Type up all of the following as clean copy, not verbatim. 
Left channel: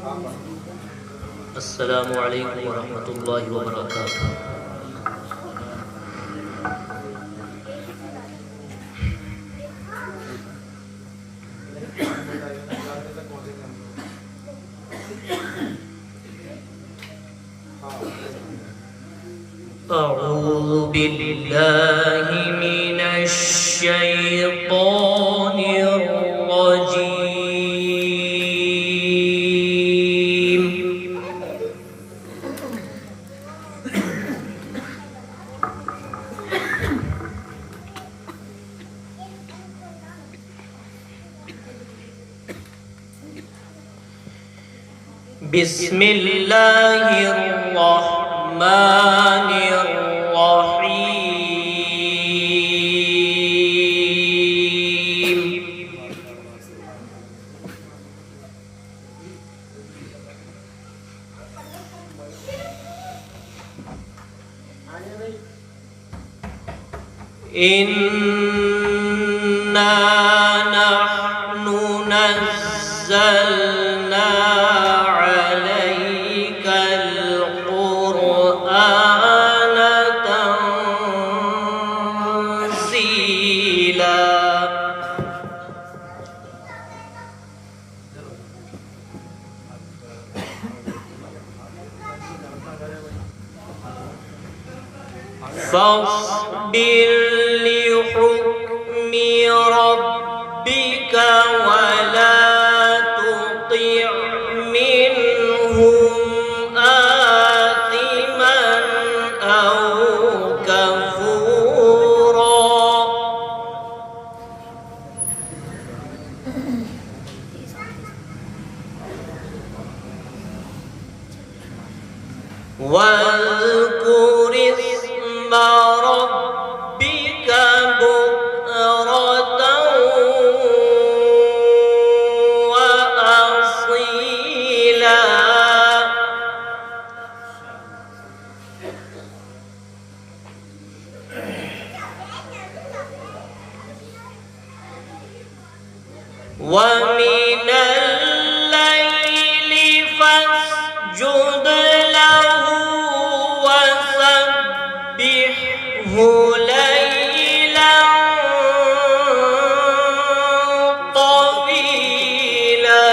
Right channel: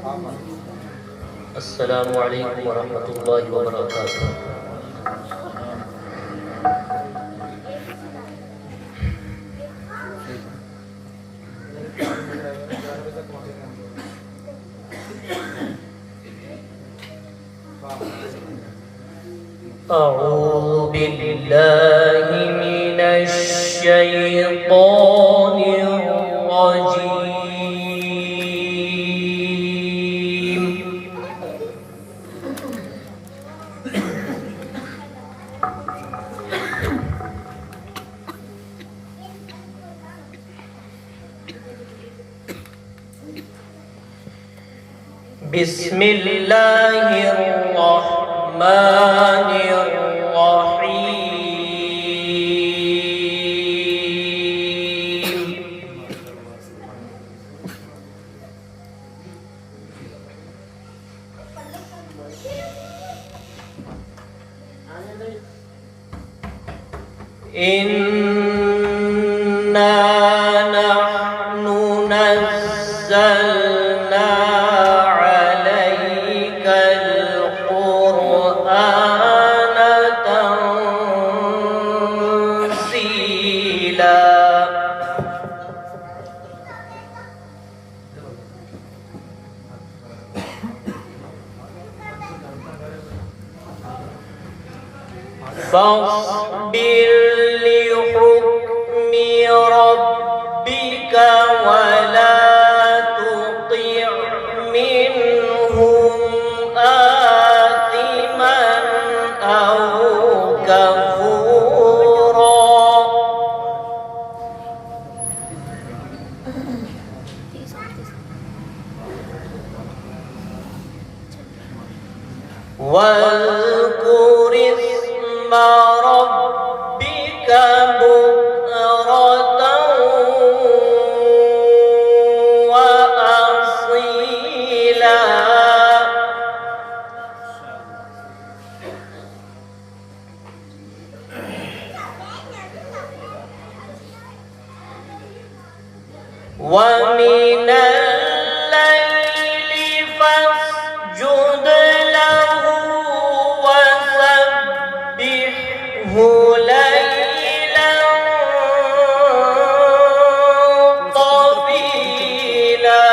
Assalamualaikum warahmatullahi wabarakatuh. A'udzu billahi minasy syaithanir rajim. Bismillahirrahmanirrahim. Inna nahnu nazzalna alaikal Qur'ana tanzila. Fasbir li hukmi rabbika wa la tuti' minhum athiman aw kafura. واذكر اسم ربك بكرة وأصيلا. ومن الليل فاسجد له وسبحه ليلا طويلا.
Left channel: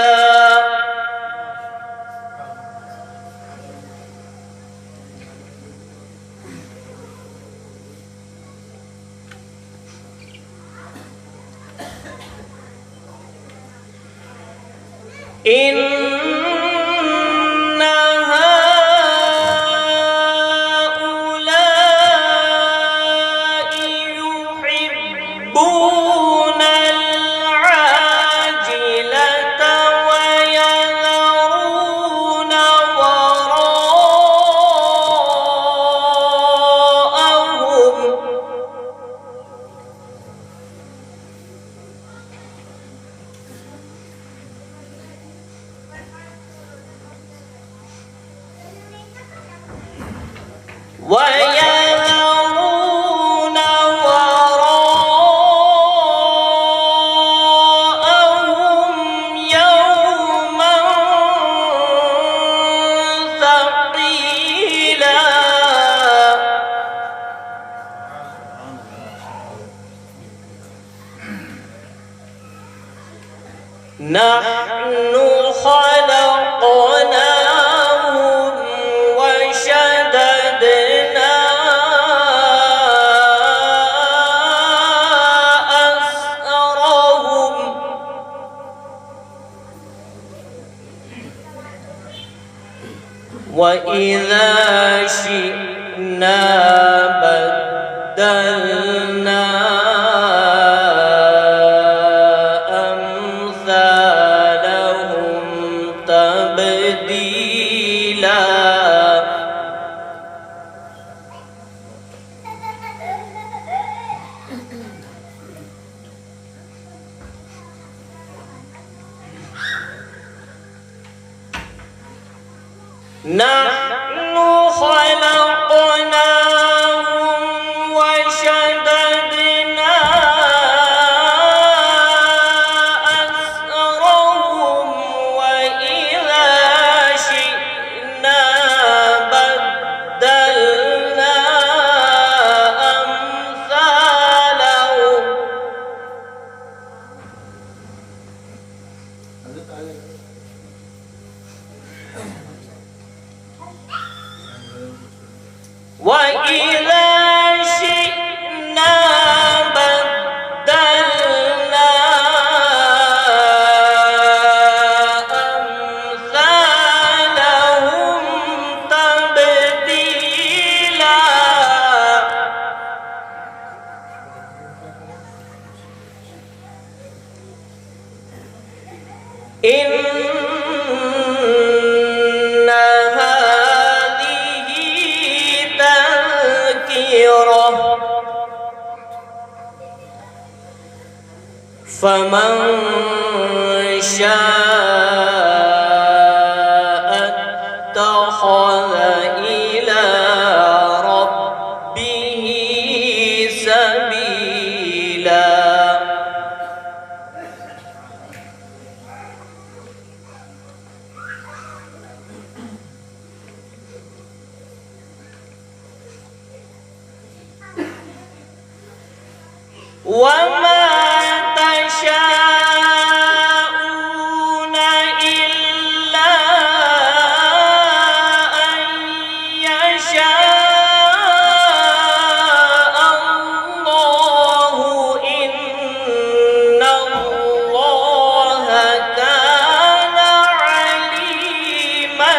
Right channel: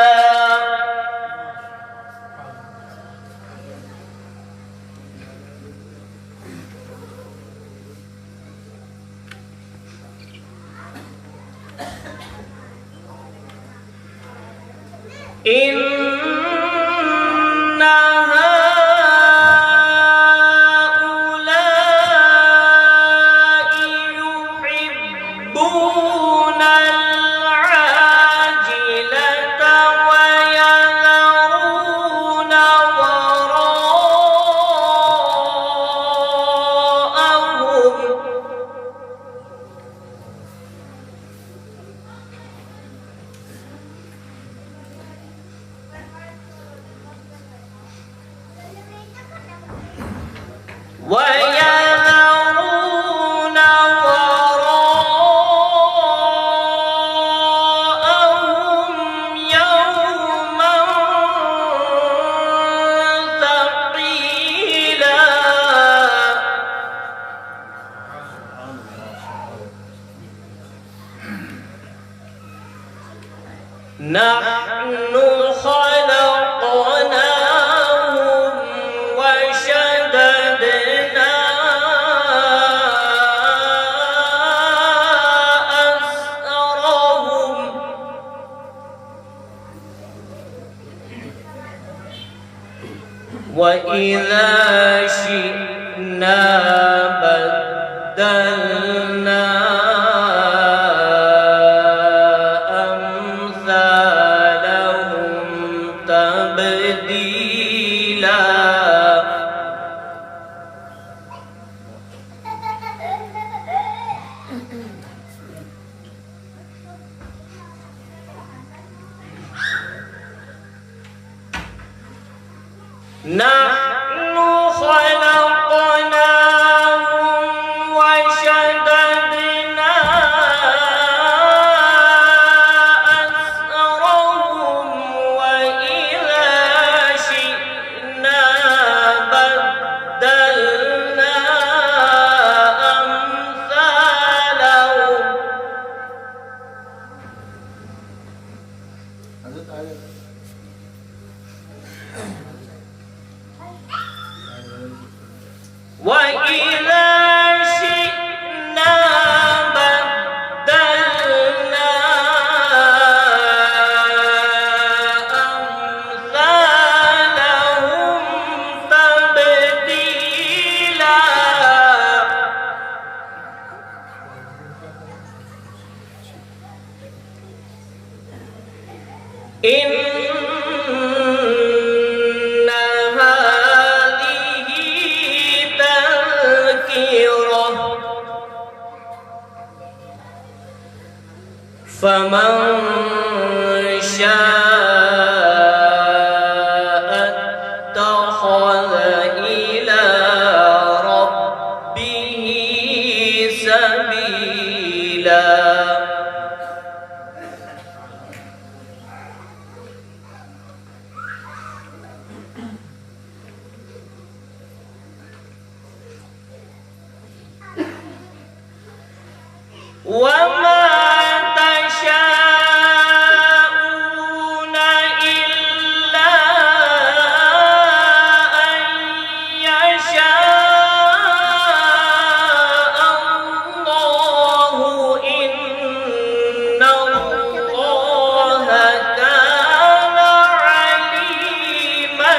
إن هؤلاء يحبون العاجلة ويذرون وراءهم يوما ثقيلا. نحن خلقناهم وشددنا أسرهم وإذا شئنا بدلنا أمثالهم تبديلا. نحن خلقناهم وشددنا أسرهم وإذا wa idza syi'na baddalna amsalahum tabdila. Inna hadhihi tadhkirah faman syaa'a ittakhadha ila rabbihi sabila. وَمَا تَشَاءُونَ إِلَّا أَن يَشَاءَ اللَّهُ إِنَّ اللَّهَ كَانَ عَلِيمًا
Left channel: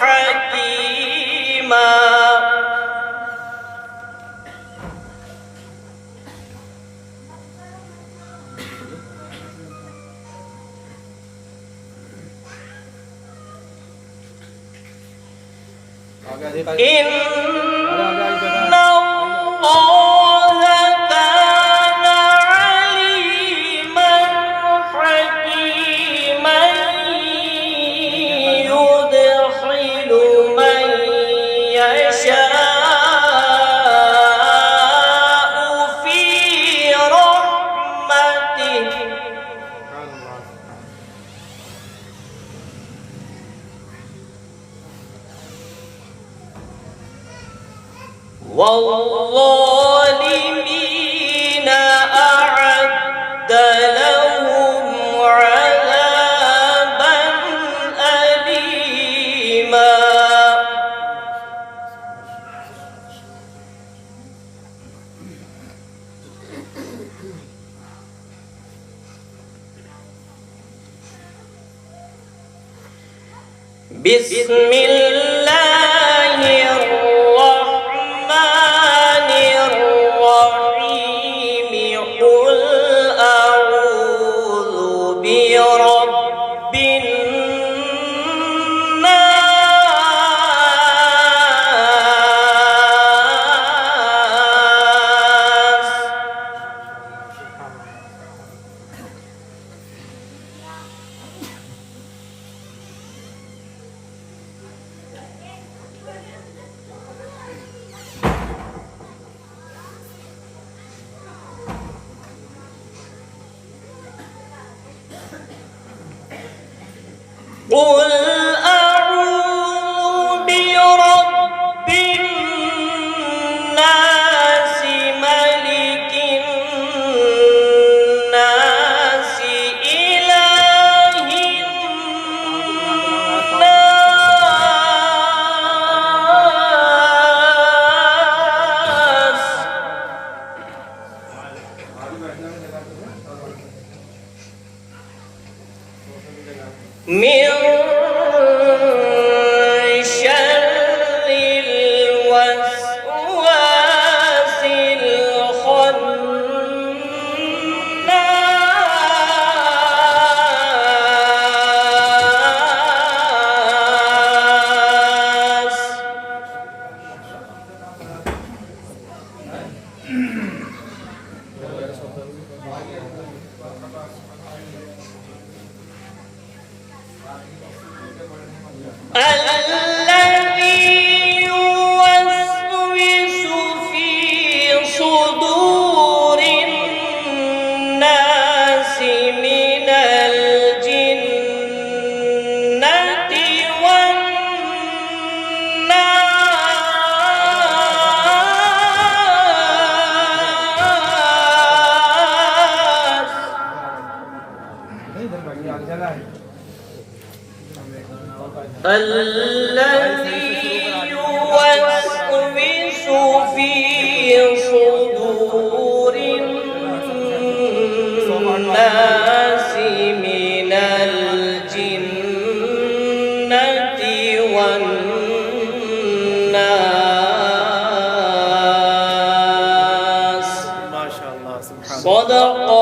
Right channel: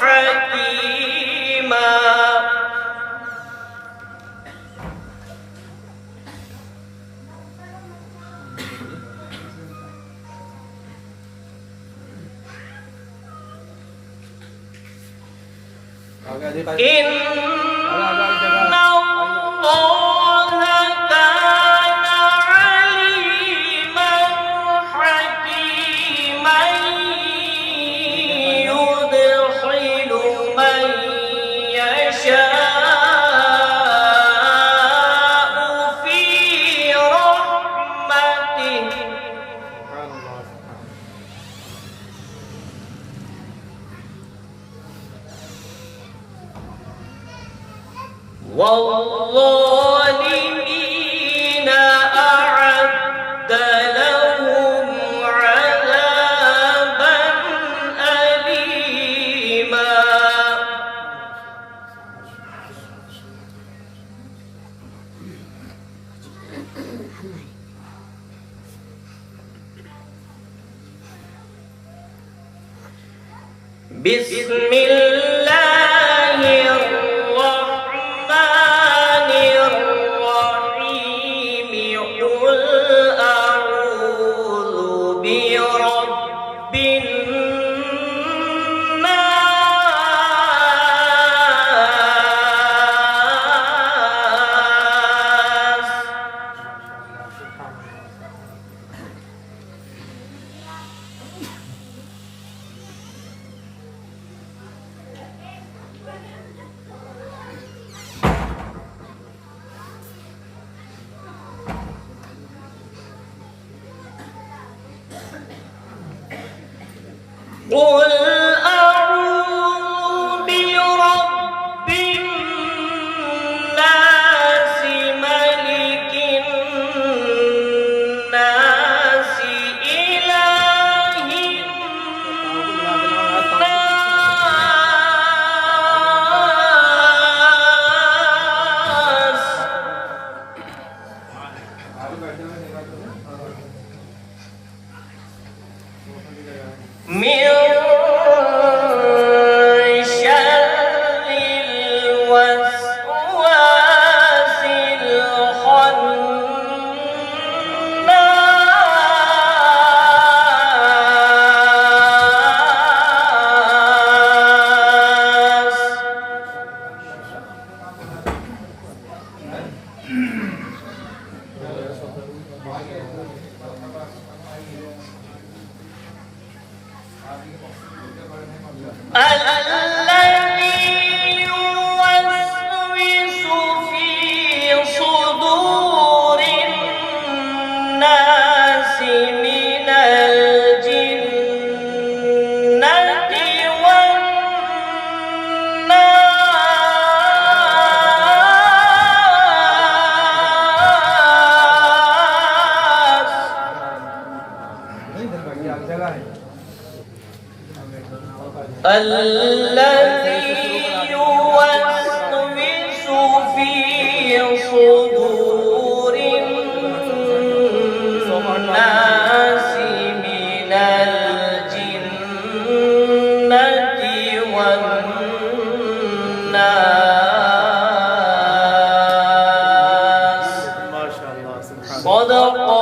حَكِيمًا. Inna Allaha kana aliman hakiman yudkhilu man yasha'u fi rahmatihi. وَالظَّالِمِينَ أَعَدَّ لَهُمْ عَذَابًا أَلِيمًا. Bismillahirrahmanirrahim. Qul a'udzu birabbin nas. قل أعوذ برب الناس ملك الناس إله الناس من شر الوسواس الخناس. الذي يوسوس في صدور الناس من الجنة والناس. الذي يوسوس في صدور الناس من الجنة والناس. ما شاء الله. سبحان الله. صدق